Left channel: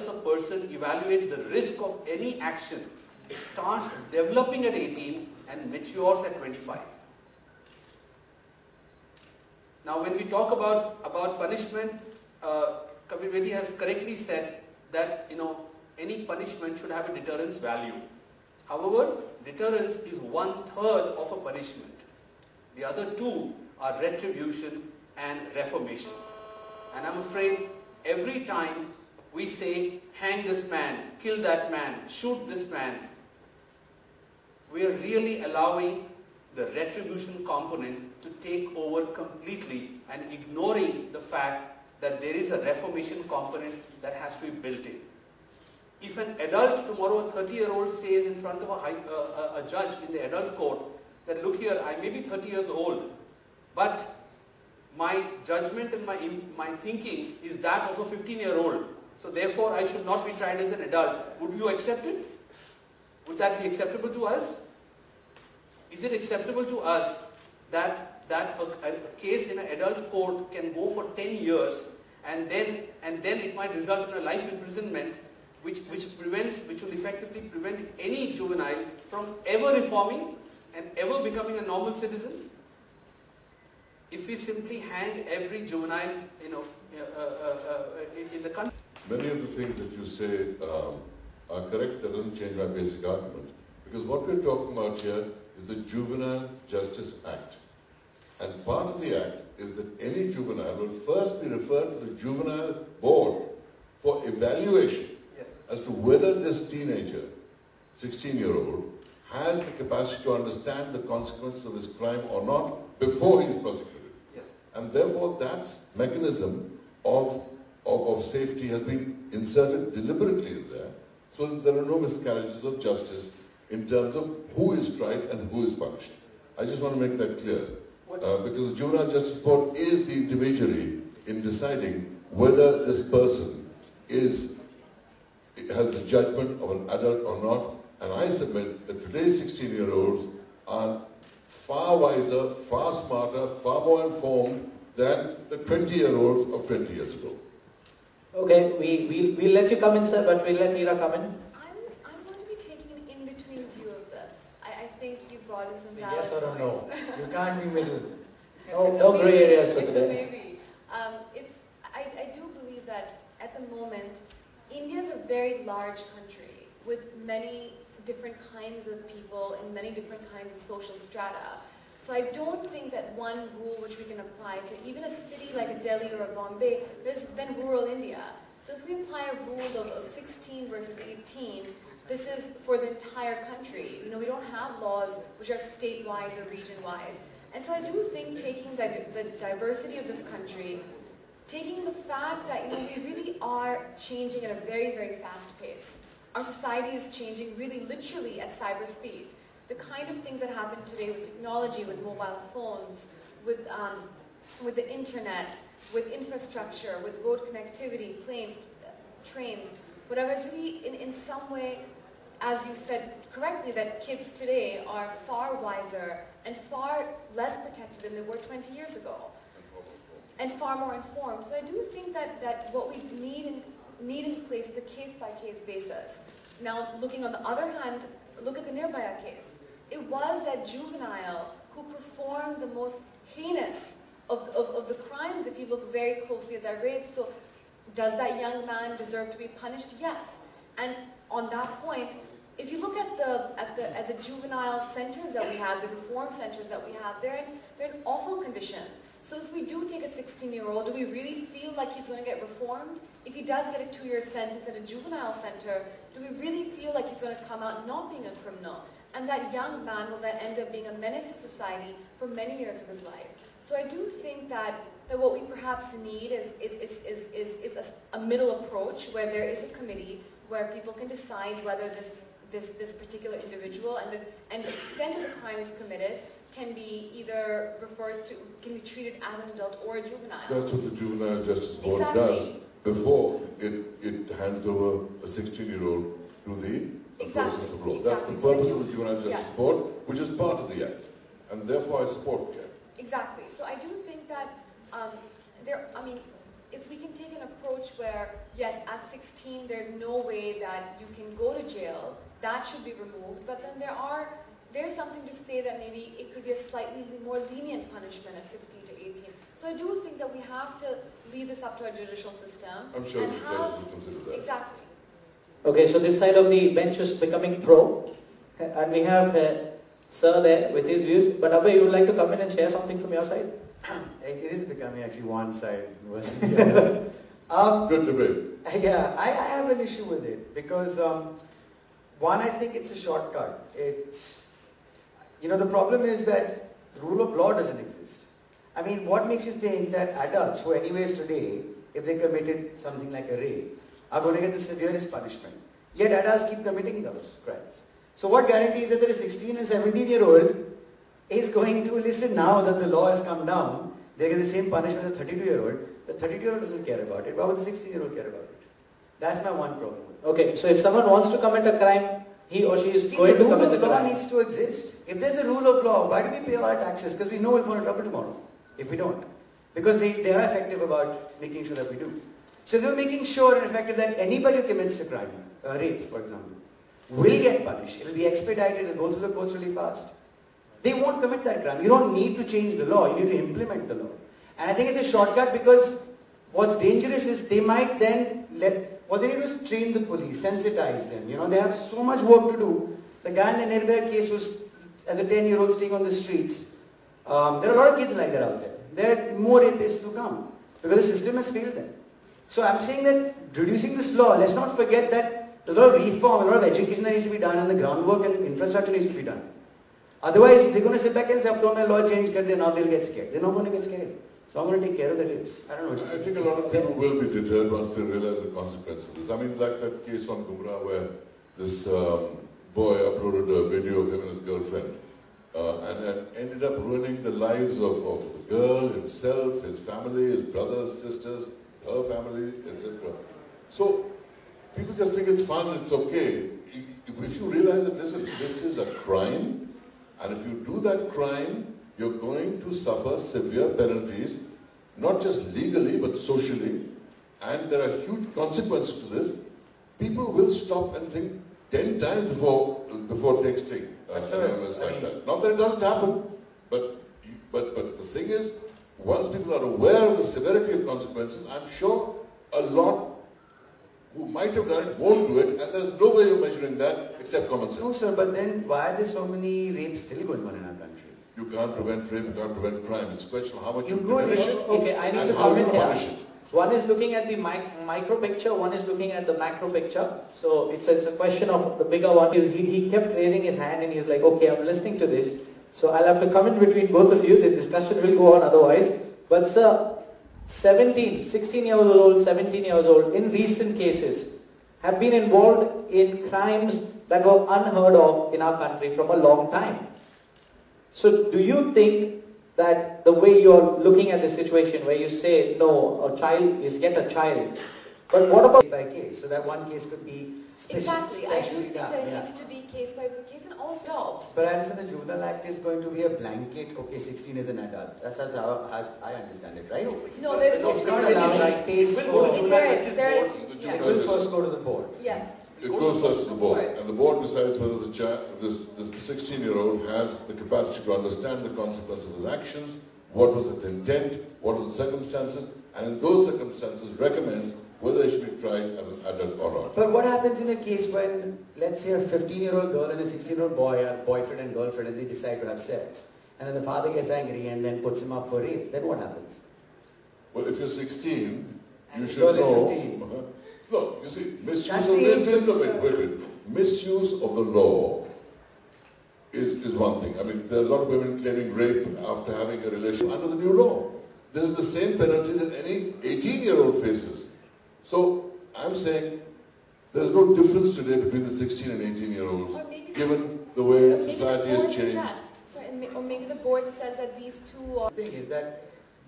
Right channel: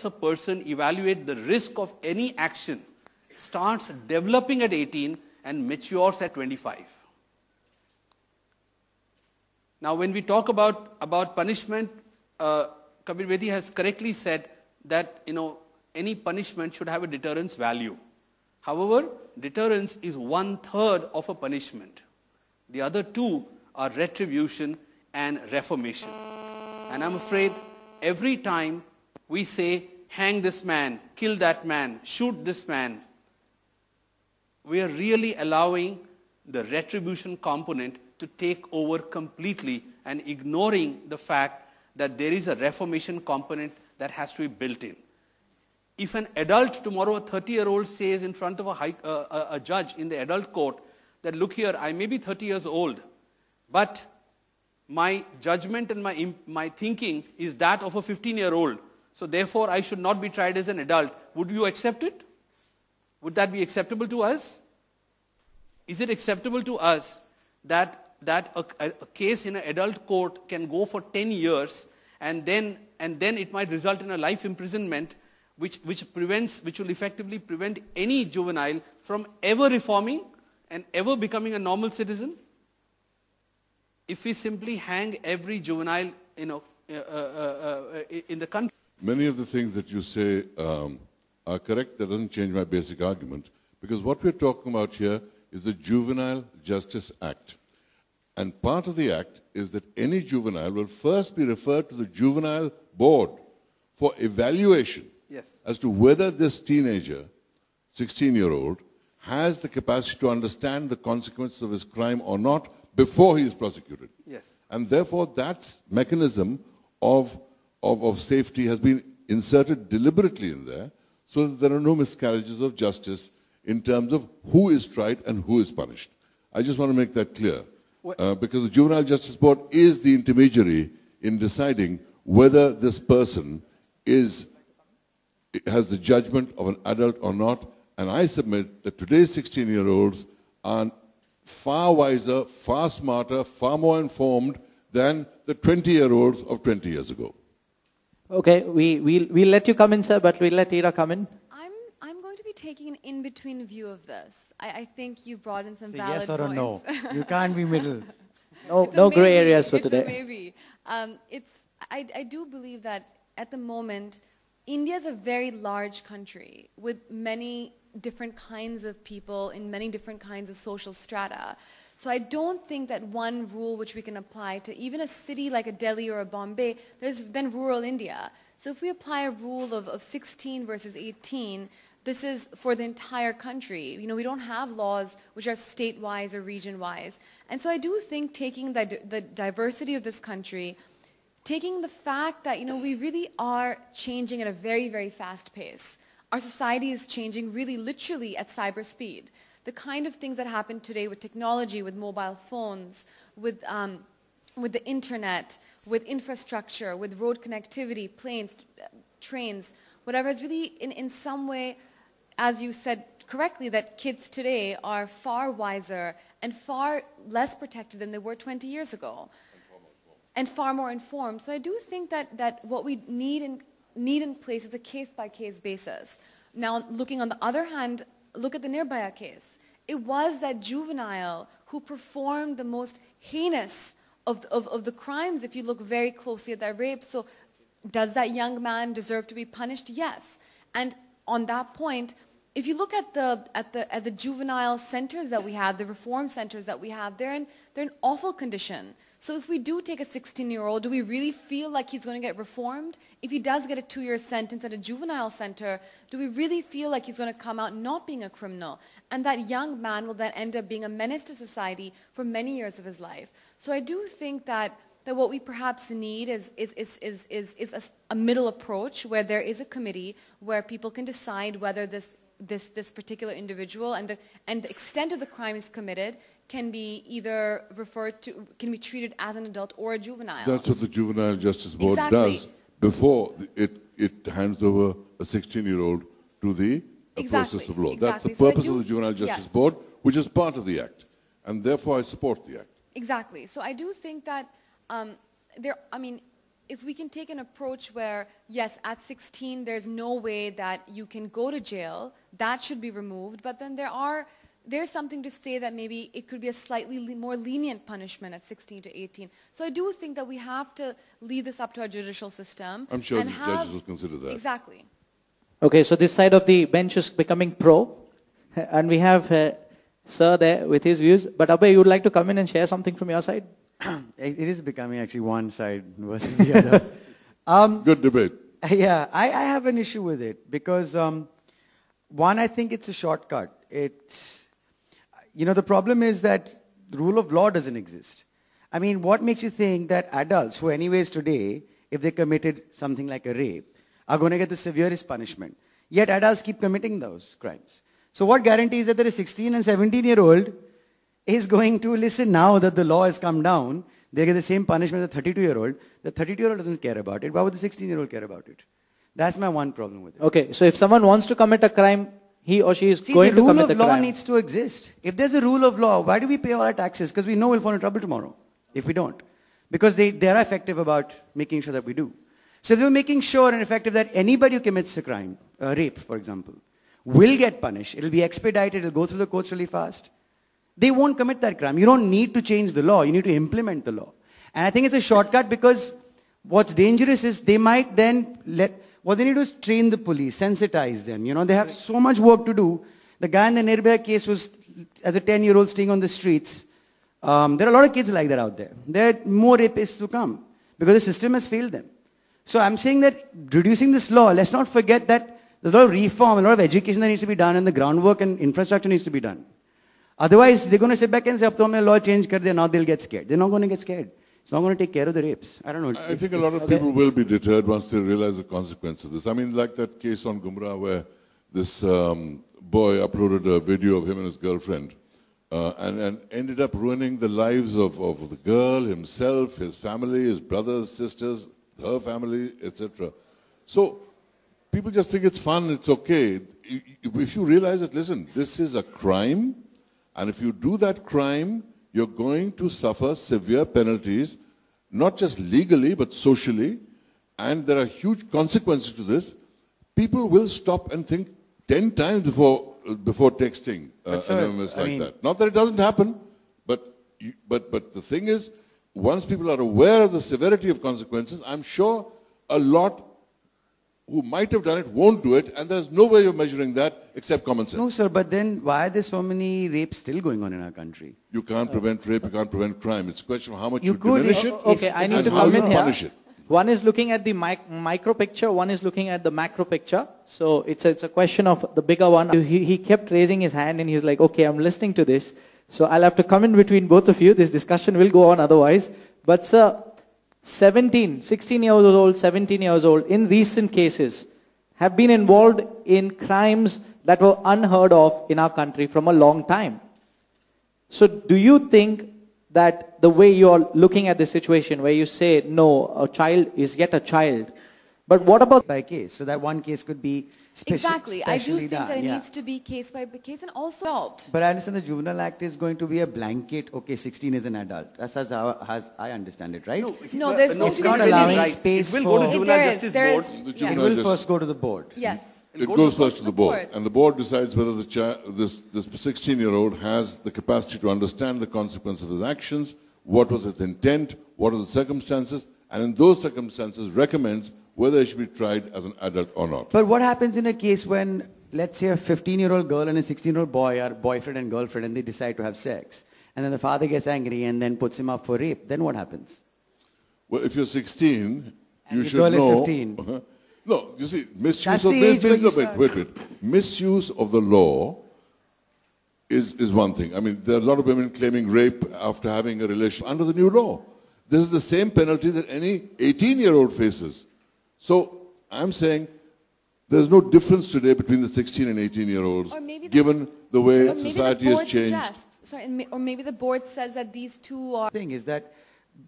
helps a person evaluate the risk of any action starts developing at 18 and matures at 25. Now when we talk about punishment, Kabir Bedi has correctly said that any punishment should have a deterrence value. However, deterrence is 1/3 of a punishment. The other two are retribution and reformation. And I'm afraid every time we say, hang this man, kill that man, shoot this man, we are really allowing the retribution component to take over completely and ignoring the fact that there is a reformation component that has to be built in. If an adult tomorrow, a 30-year-old says in front of a judge in the adult court that, look here, I may be 30 years old, but my judgment and my thinking is that of a 15-year-old. So therefore, I should not be tried as an adult. Would you accept it? Would that be acceptable to us? Is it acceptable to us that a case in an adult court can go for 10 years and then it might result in a life imprisonment which will effectively prevent any juvenile from ever reforming and ever becoming a normal citizen? If we simply hang every juvenile, in the country. Many of the things that you say are correct. That doesn't change my basic argument, because what we're talking about here is the Juvenile Justice Act. And part of the act is that any juvenile will first be referred to the juvenile board for evaluation as to whether this teenager, 16-year-old, has the capacity to understand the consequences of his crime or not before he is prosecuted. Yes. And therefore that mechanism of safety has been inserted deliberately in there so that there are no miscarriages of justice in terms of who is tried and who is punished. I just want to make that clear. Because the Juvenile Justice Board is the intermediary in deciding whether this person has the judgment of an adult or not. And I submit that today's 16-year-olds are far wiser, far smarter, far more informed than the 20-year-olds of 20 years ago. Okay, we'll let you come in, sir, but we'll let Ira come in. I'm going to be taking an in-between view of this. I think you brought in some valid yes or points. a no. You can't be middle. No grey areas for today. Maybe. I do believe that at the moment, India is a very large country with many different kinds of people in many different kinds of social strata. So I don't think that one rule which we can apply to even a city like a Delhi or a Bombay, there's then rural India. So if we apply a rule of 16 versus 18, this is for the entire country. We don't have laws which are state-wise or region-wise. And so I do think taking the diversity of this country, taking the fact that we really are changing at a very, very fast pace. Our society is changing really literally at cyber speed. The kind of things that happen today with technology, with mobile phones, with the internet, with infrastructure, with road connectivity, planes, trains, whatever, is really in some way, as you said correctly, that kids today are far wiser and far less protected than they were 20 years ago, and far more informed. So I do think that what we need in place is a case-by-case basis. Now, looking on the other hand, look at the Nirbhaya case. It was that juvenile who performed the most heinous of the crimes, if you look very closely at that rape. So does that young man deserve to be punished? Yes. And on that point, if you look at the juvenile centers that we have, the reform centers that we have, they're in awful condition. So if we do take a 16-year-old, do we really feel like he's going to get reformed? If he does get a 2-year sentence at a juvenile center, do we really feel like he's going to come out not being a criminal? And that young man will then end up being a menace to society for many years of his life. So I do think that what we perhaps need is a middle approach where there is a committee where people can decide whether this particular individual and the extent of the crime is committed can be either can be treated as an adult or a juvenile. That's what the Juvenile Justice Board does before it hands over a 16-year-old to the process of law. That's the purpose of the Juvenile Justice Board, which is part of the Act. And therefore I support the Act. Exactly. So I do think that if we can take an approach where, yes, at 16 there's no way that you can go to jail, that should be removed, but then there's something to say that maybe it could be a slightly more lenient punishment at 16 to 18. So I do think that we have to leave this up to our judicial system. I'm sure the judges will consider that. Exactly. Okay, so this side of the bench is becoming pro, and we have Sir there with his views. But Abhay, you would like to come in and share something from your side? It is becoming actually one side versus the other. Good debate. Yeah, I have an issue with it because one, I think it's a shortcut. It's, the problem is that the rule of law doesn't exist. I mean, what makes you think that adults who anyways today, if they committed something like a rape, are going to get the severest punishment? Yet adults keep committing those crimes. So what guarantees that a 16 and 17-year-old is going to listen now that the law has come down, they get the same punishment as a 32-year-old. The 32-year-old doesn't care about it. Why would the 16-year-old care about it? That's my one problem with it. Okay, so if someone wants to commit a crime, he or she is going to commit a crime. The rule of law needs to exist. If there's a rule of law, why do we pay all our taxes? Because we know we'll fall into trouble tomorrow if we don't. Because they are effective about making sure that we do. So if they're making sure and effective that anybody who commits a crime, rape for example, will get punished, it'll be expedited, it'll go through the courts really fast, they won't commit that crime. You don't need to change the law, you need to implement the law. And I think it's a shortcut because what's dangerous is they might then what they need to do is train the police, sensitize them. They have so much work to do. The guy in the Nirbhaya case was, as a 10-year-old staying on the streets. There are a lot of kids like that out there. There are more rapists to come because the system has failed them. So I'm saying that reducing this law, let's not forget that there's a lot of reform, a lot of education that needs to be done, and the groundwork and infrastructure needs to be done. Otherwise, they're going to sit back and say, "Ab to humne law change kar diya," now they'll get scared. They're not going to get scared. It's not going to take care of the rapes. I don't know. I think a lot of people will be deterred once they realize the consequence of this. I mean, like that case on Gumrah where this boy uploaded a video of him and his girlfriend and ended up ruining the lives of the girl, himself, his family, his brothers, sisters, her family, etc. So people just think it's fun, it's okay. If you realize that, listen, this is a crime, and if you do that crime, you're going to suffer severe penalties, not just legally, but socially, and there are huge consequences to this. People will stop and think 10 times before texting anonymous like that. Not that it doesn't happen, but the thing is, once people are aware of the severity of consequences, I'm sure a lot who might have done it won't do it, and there's no way of measuring that except common sense. No, sir, but then why are there so many rapes still going on in our country? You can't prevent rape, you can't prevent crime. It's a question of how much You you could, diminish it Okay, I need and to how come you in here. punish it. One is looking at the micro picture, one is looking at the macro picture. So it's a question of the bigger one. He kept raising his hand and he was like, okay, I'm listening to this. So I'll have to come in between both of you. This discussion will go on otherwise. But sir, 16 years old, 17 years old, in recent cases, have been involved in crimes that were unheard of in our country from a long time. So do you think that the way you're looking at the situation where you say, no, a child is yet a child, but what about by case? So that one case could be Exactly. I do specially think done. that it needs to be case by case and also adult. But I understand the Juvenile Act is going to be a blanket, okay, 16 is an adult. That's as I understand it, right? No, there's no It's not really allowing right. space It will go to for... Juvenile There is, Justice there Board. is, The It yeah. Juvenile will first go to the board. Yes. It goes first to the board, board. and the board decides whether this 16-year-old has the capacity to understand the consequence of his actions, what was its intent, what are the circumstances, and in those circumstances recommends whether he should be tried as an adult or not. But what happens in a case when, let's say, a 15-year-old girl and a 16-year-old boy are boyfriend and girlfriend and they decide to have sex, and then the father gets angry and then puts him up for rape, then what happens? Well, if you're 16, you the should girl is know... 15. No, you see, misuse That's of... the age when you wait. Misuse of the law is one thing. I mean, there are a lot of women claiming rape after having a relation under the new law. This is the same penalty that any 18-year-old faces. So, I'm saying there's no difference today between the 16 and 18-year-olds, given the way society has changed. Or maybe the board says that these two are... The thing is that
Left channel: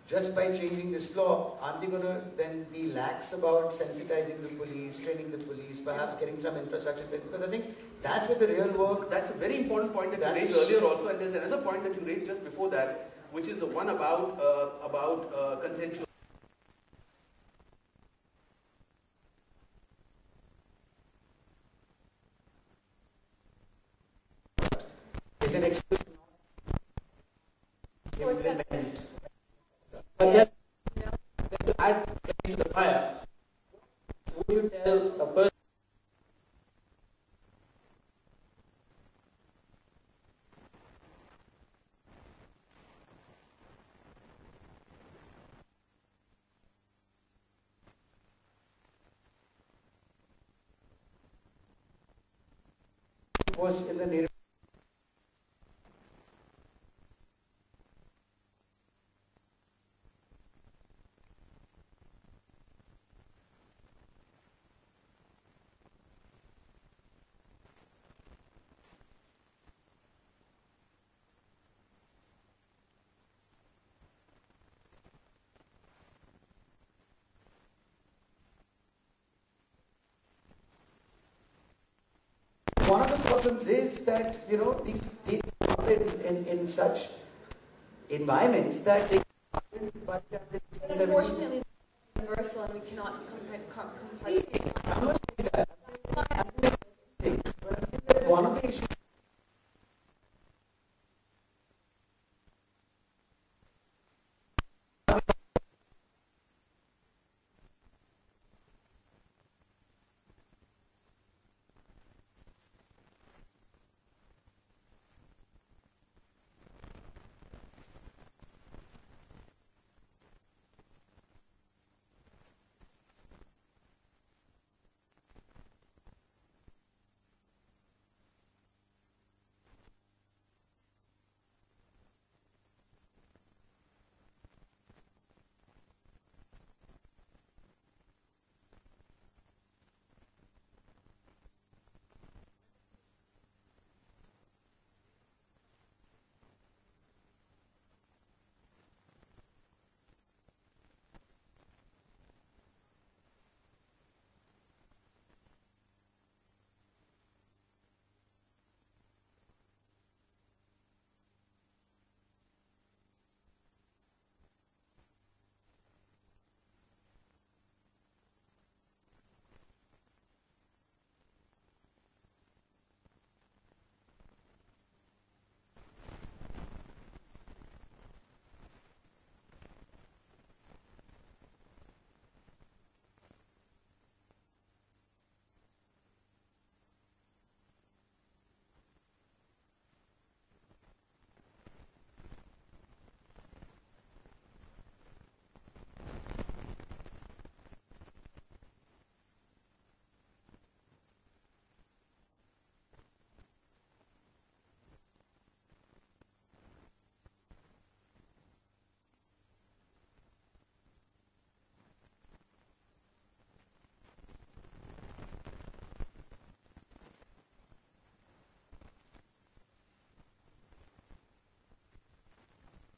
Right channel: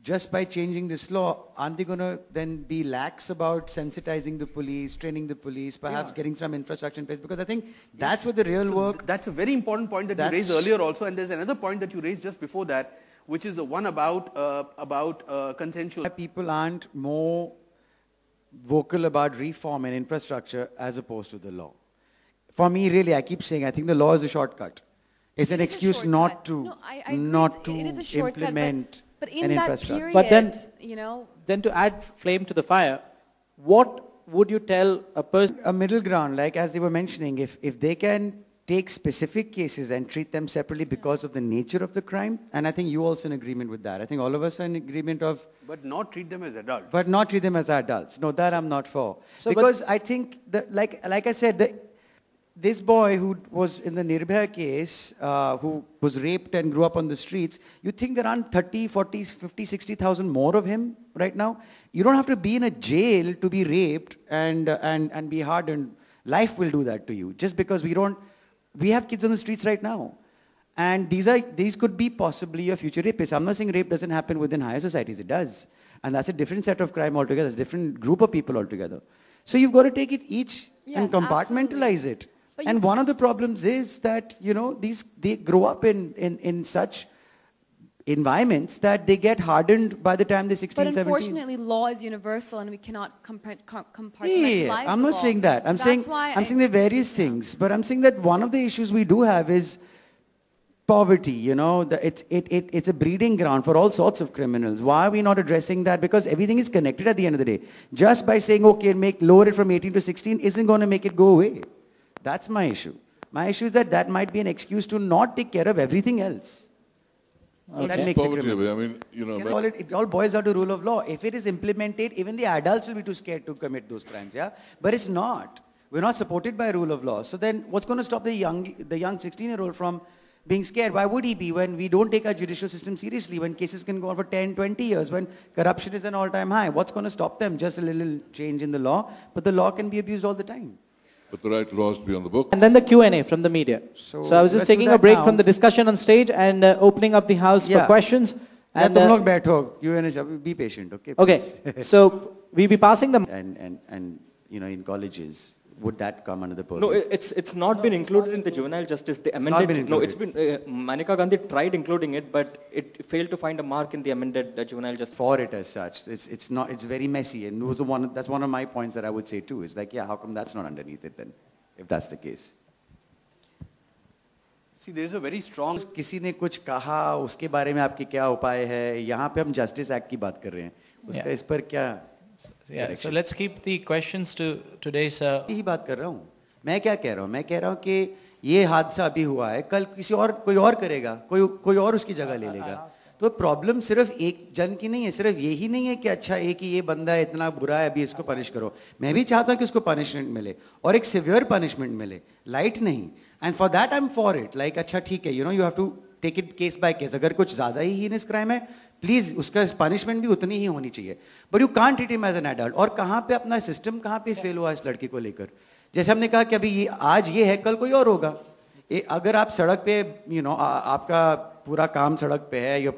just by changing this law, aren't they going to then be lax about sensitizing the police, training the police, perhaps getting some infrastructure in place? Because I think that's where the real work... That's a very important point that you raised earlier also, and there's another point that you raised just before that. which is the one about consensual. People aren't more vocal about reform and infrastructure as opposed to the law. For me, really, I keep saying, I think the law is a shortcut. It's an excuse not to, not to it is a shortcut, implement but in an that infrastructure. period, But then- you know, Then to add flame to the fire, what would you tell a person? A middle ground, like as they were mentioning, if they can take specific cases and treat them separately because of the nature of the crime, and I think you also in agreement with that. I think all of us are in agreement of, But not treat them as adults. but not treat them as adults. No, that I'm not for. So, Because I think, that, like I said, this boy who was in the Nirbhaya case, who was raped and grew up on the streets, you think there aren't 30, 40, 50, 60,000 more of him right now? You don't have to be in a jail to be raped and be hardened. Life will do that to you. Just because we have kids on the streets right now. And these could be possibly your future rapists. I'm not saying rape doesn't happen within higher societies. It does. And that's a different set of crime altogether. It's a different group of people altogether. So you've got to take it each and Yes, compartmentalize it. But And you one of the problems is that, you know, they grow up in such environments that they get hardened by the time they're 16, but 17. unfortunately, law is universal, and we cannot compartmentalize Yeah, I'm not law. saying that. I'm That's saying why there are various things, but I'm saying that one of the issues we do have is poverty. You know, it's a breeding ground for all sorts of criminals. Why are we not addressing that? Because everything is connected at the end of the day. Just by saying okay, lower it from 18 to 16 isn't going to make it go away. That's my issue. My issue is that might be an excuse to not take care of everything else. That makes it Poverty, criminal. I mean, you know, It all boils down to rule of law. If it is implemented, even the adults will be too scared to commit those crimes, yeah? But it's not. We're not supported by rule of law. So then what's going to stop the young 16-year-old from being scared? Why would he be when we don't take our judicial system seriously, when cases can go on for 10, 20 years, when corruption is an all-time high? What's going to stop them? Just a little change in the law, but the law can be abused all the time. but the right laws to be on the book. And then the Q&A from the media. So I was let's just do taking a that break now. from the discussion on stage and opening up the house for Yeah. questions. Yeah, And, तुम लोग बैठो, Q&A, be patient, okay? okay, please. so we'll be passing the... and you know, in colleges, would that come under the purview? No, it's not been included in the juvenile justice. The amended. been No, it's included. been. Maneka Gandhi tried including it, but it failed to find a mark in the amended juvenile justice. For it as such. It's not, it's very messy, and that's one of my points that I would say too. It's like, yeah, how come that's not underneath it then, if that's the case? See, there's a very strong. किसी ने कुछ कहा, उसके बारे में आपके क्या उपाय है? यहाँ पे हम जस्टिस एक्ट की बात कर रहे हैं. उसका Yeah. इस पर क्या? Yeah, so let's keep the questions to today's... यही बात कर रहा हूँ. मैं क्या कह रहा हूँ? मैं कह रहा हूँ कि ये हादसा अभी हुआ है, कल कोई और करेगा, कोई और उसकी जगह ले लेगा. तो प्रॉब्लम सिर्फ एक जन की नहीं है, सिर्फ यही नहीं है कि अच्छा एक ही ये बंदा है, इतना बुरा है, अभी इसको पनिश करो. मैं भी चाहता हूँ कि उसको पनिशमेंट मिले और एक सिवियर पनिशमेंट मिले, लाइट नहीं. And for that I am for it. Like अच्छा ठीक है, you know, you have to take it case by case. अगर कुछ ज्यादा ही हीनस क्राइम है, प्लीज उसका पनिशमेंट भी उतनी ही होनी चाहिए. But you can't treat him as an adult. और कहाँ पे अपना सिस्टम कहाँ पे फेल हुआ इस लड़के को लेकर. जैसे हमने कहा कि अभी आज ये है, कल कोई और होगा. अगर आप सड़क पे, यू नो, आपका पूरा काम सड़क पे है, या